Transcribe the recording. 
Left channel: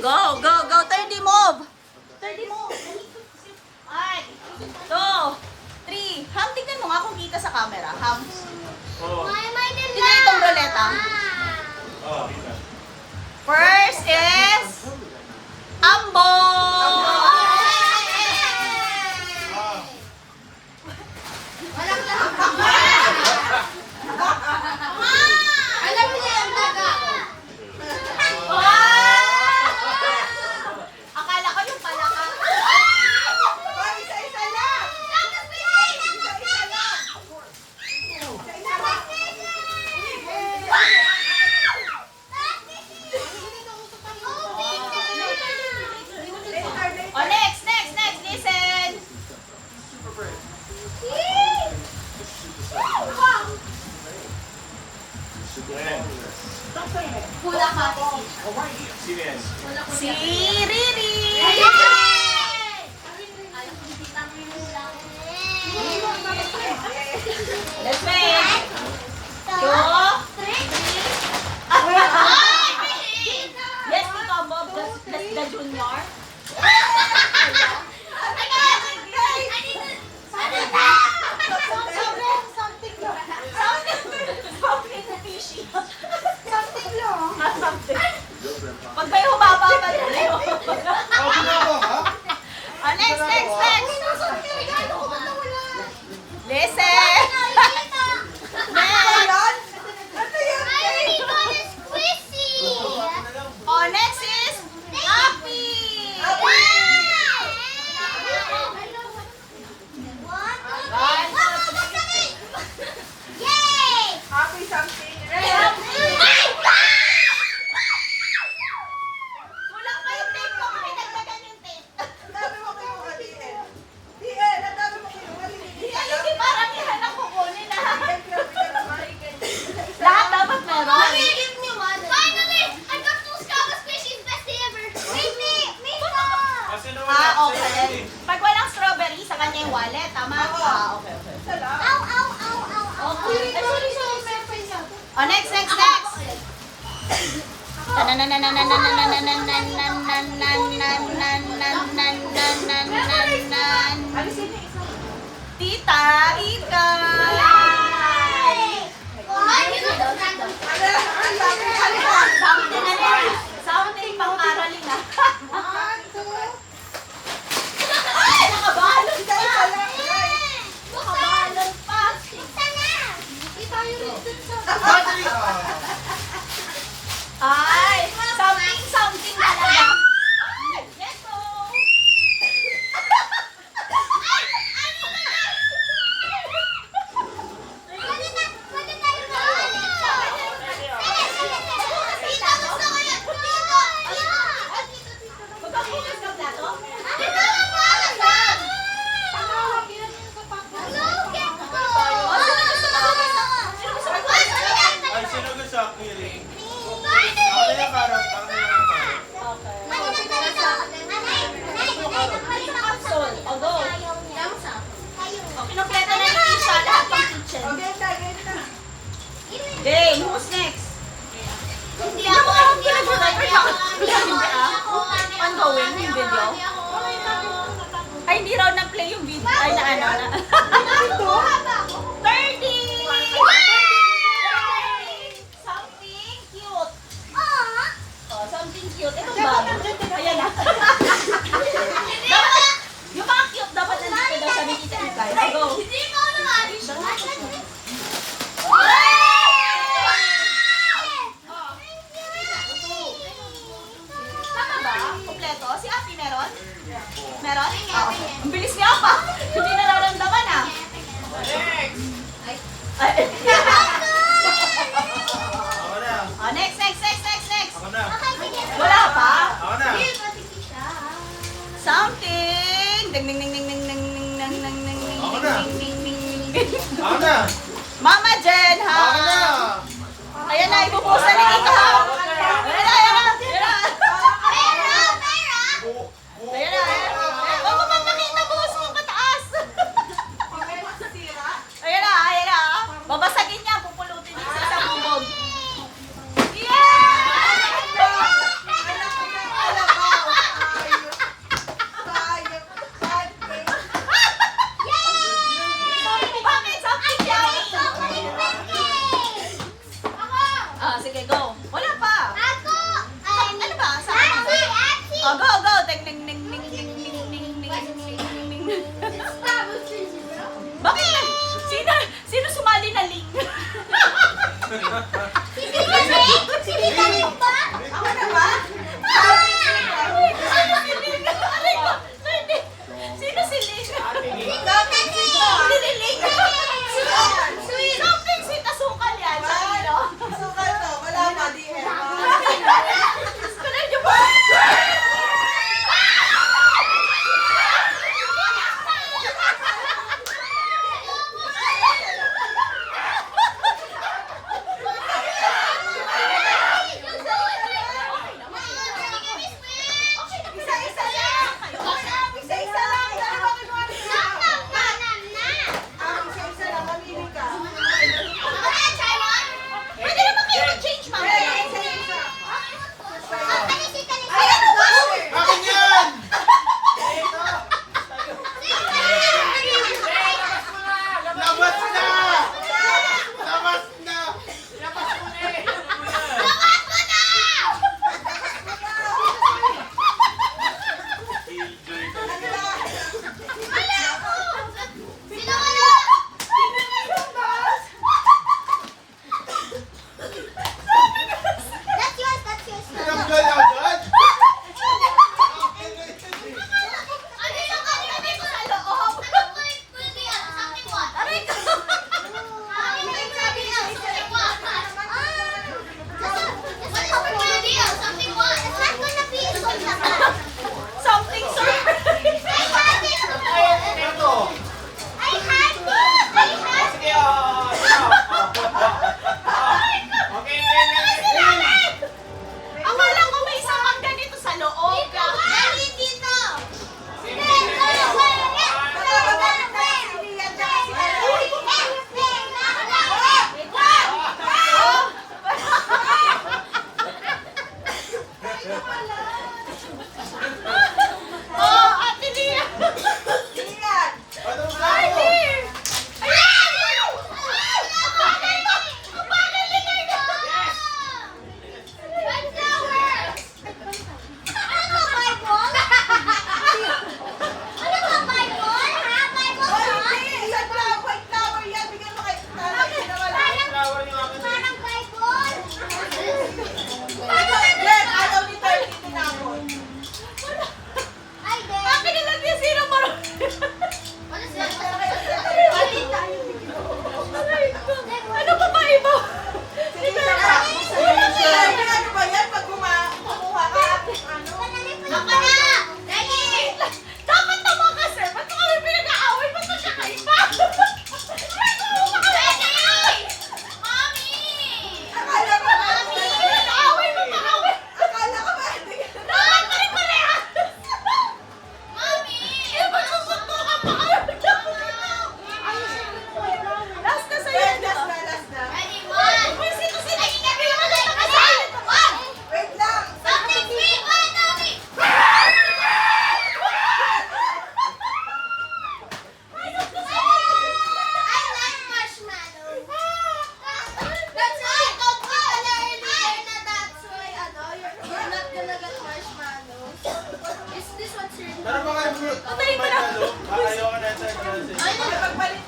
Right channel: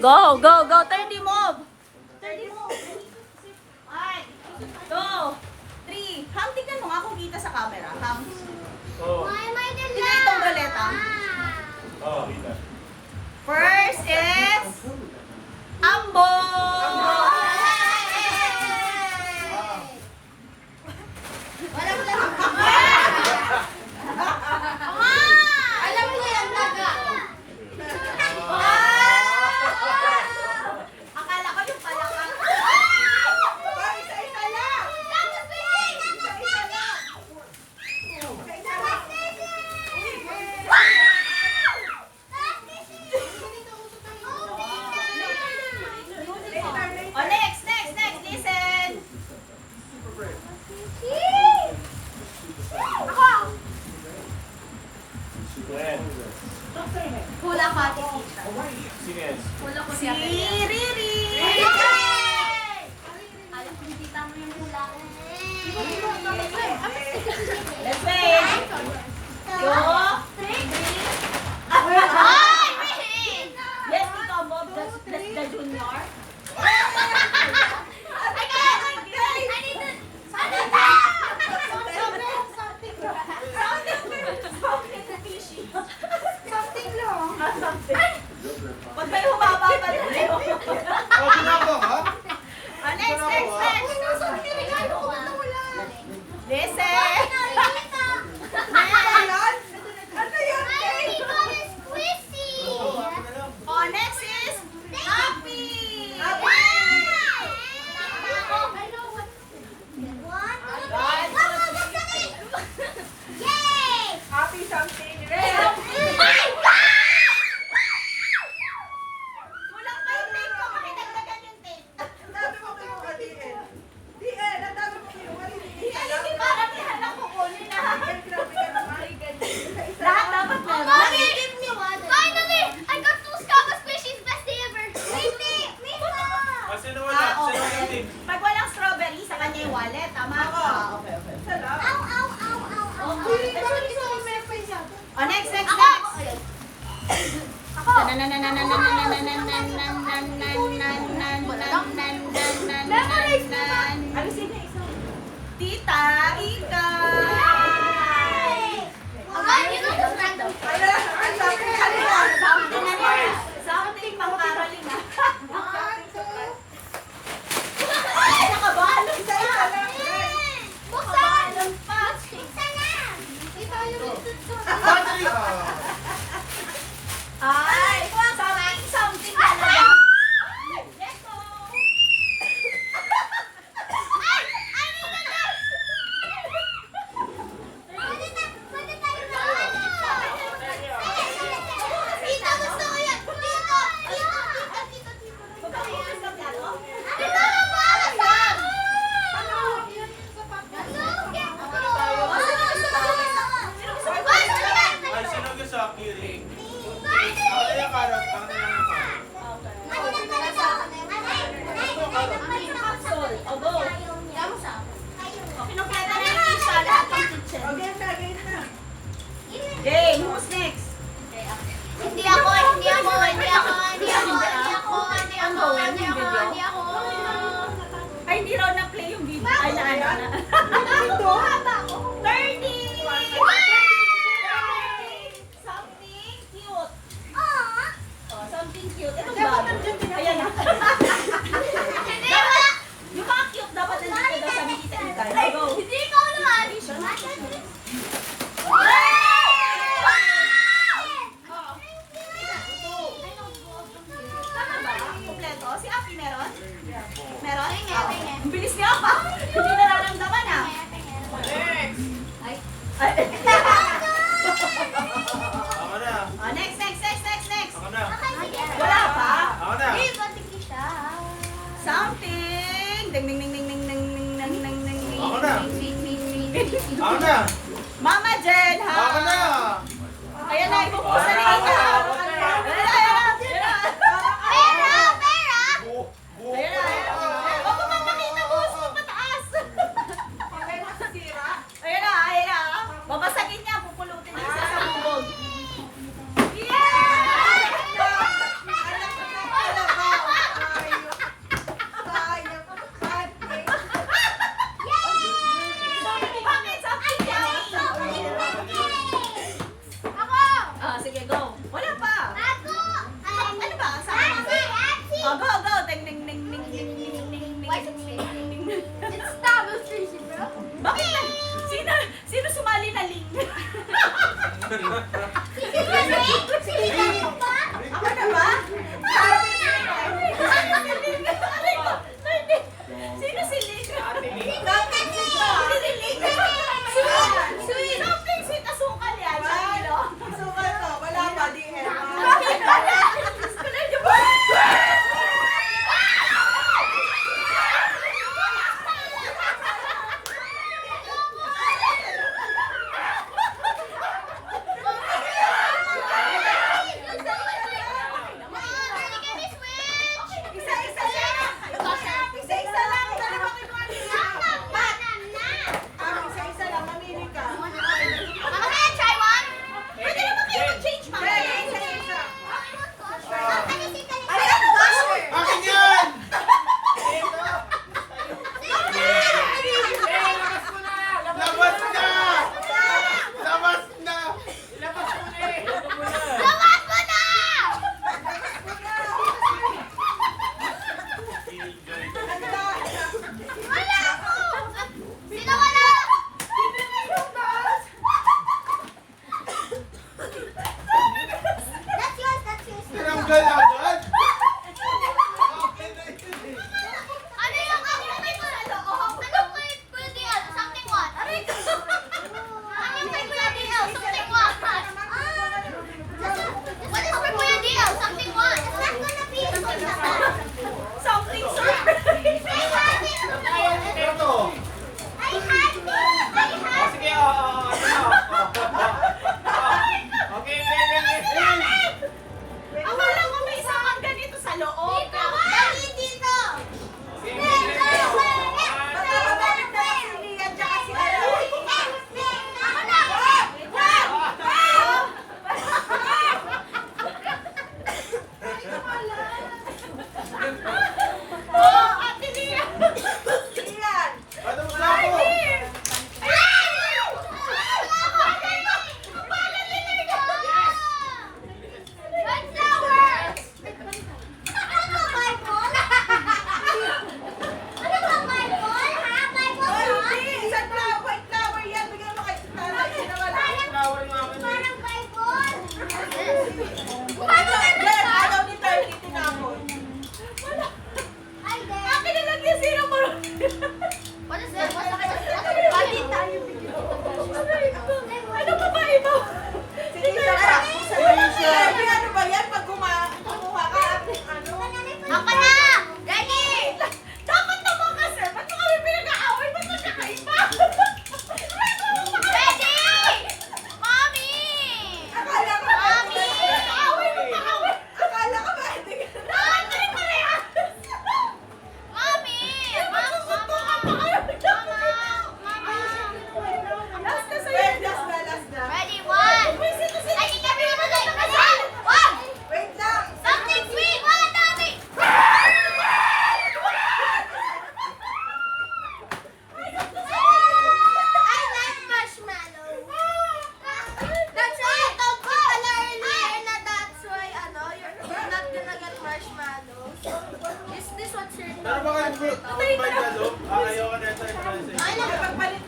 Go, go, go. 30 move. 30 move. 2, 3. Ham, tignan mo nga kung kita sa camera. Ham. Tignan itong roleta. First is Ambo. Walang lahat. Alam mo yan, daga. Akala ko yung palaka. Isa-isa lang. Isa-isa lang. Isa-isa lang. Oh, next. Listen. Hula ka. Si Riri. Let's wait. 2, 3. Yes, ikaw mo. Just the junior. Pag may humaba pa rin. Oh, next. Listen. Next. Ano yan? Oh, next is Happy. Happy something red. Kulang pa yung tape ko. Pinagdagan yung tape. Ang dami mo kayong DN. DN, ang dami mo kayong maliliit. Hindi parang yan ang kukunin na. Ay, grabe ka naman. Isa-isa Lahat lang. dapat meron. Finally, I got two Scabba squishies, best day ever. Wait, me Okay. Pag walang strawberry, sa kanya yung wallet. Tama? Okay. Isa lang. Okay. Oh, next. Alisin niya isa. Tita Ika. Ang laki. Halika. Something pang Carolyn na. Ay, nakabalon ka. Isa-isa lang, guys. Nakabalon pa. Ay, something talaga. Ay, let's go. Magkakulas ng plato? Ay, sino gusto ang kiring? Ako na yung karot. Ako na yung karot. Sol, o go. Kinukleta na yung pizza, lahat ng kitchen. Okay, tagay na. Game, who's next? Hindi ako. Ang gawin yung video? Ay, hindi raw na-play yung video. Ay, na. 30! Something cute. Oh, something cute. Ito ba? Ayan na. Dapat, yung mga cute dapat nandito daw sa Tita Ikay. Go. Hindi ko naman. Tama ba? Kompleto? Si Ate meron? Meron? Ang bilis niya pa. Hindi nararamdaman ah. Ay. Ako na. Oh, next. Ako na. Wala pa? Ako na. Something. Ding ding ding ding ding ding ding ding ding ding. Ako na. Ding ding ding ding. Ako na. Mama Jen, ha? Ako na. Ayan na, ipupusan ni Tita. Ayan na. Ayan na. Huwag mo magpakita, boss. Huwag pataas. Ayan na. Babasagin niya, pupulutin niya sa sabubog. Yeah! Bakit? Sino sumali na Ling? Ako na ba? Sino si Ling? Something sito. Si Ling. Sweet. Something sweet. Asukal yan. Sabi nyo. Sukal to. Wala pa, DL. Kulay niyo ba? Isa-isa lang. Isa-isa lang. Dalawa kinuha nila. Isa-isa lang. Mamili ka. Pwede naman kayo mag-change, mama. Isa-isa. Akin yan! Labas na! Labas na! Ano na? Tinanggal agad? Something surprise. Ito. Sige, okay, Akala ko may isang ang ganito sa loob. Magkakabalik na lang si Nia at saka si Ella. Oh, Ate Lia. Ian. Anong sako? Oh, hindi. Sunflower. White flower yan. Bigyan mo kay Tala. Sinawala. Flower yung akin. Ito, Glenn. Ayaw ni Tala. Tinapon. Akin na lang yan, sino marunong? Pati tayo bigyan. Ano pa ba ito? Sige, isa pa. Sabi, ano ba yan? Pag kumuha ka, ano? Dapat naman kasi, ba't mo kami pinag-aaway? Ba't mo siya kaiba? Akala ko ba? Pinag-aaway mo pa kami. Akala ko ba? Hindi ka Dapat pa rin parehas. Ba't namunto ka pa kami? Last na sa'yo. Last na. Uy, sino? Hindi naman tayo nakasali. Wait lang. Is this what's your Pero baka yung fruit, ayaw ka na ito. Pagbalik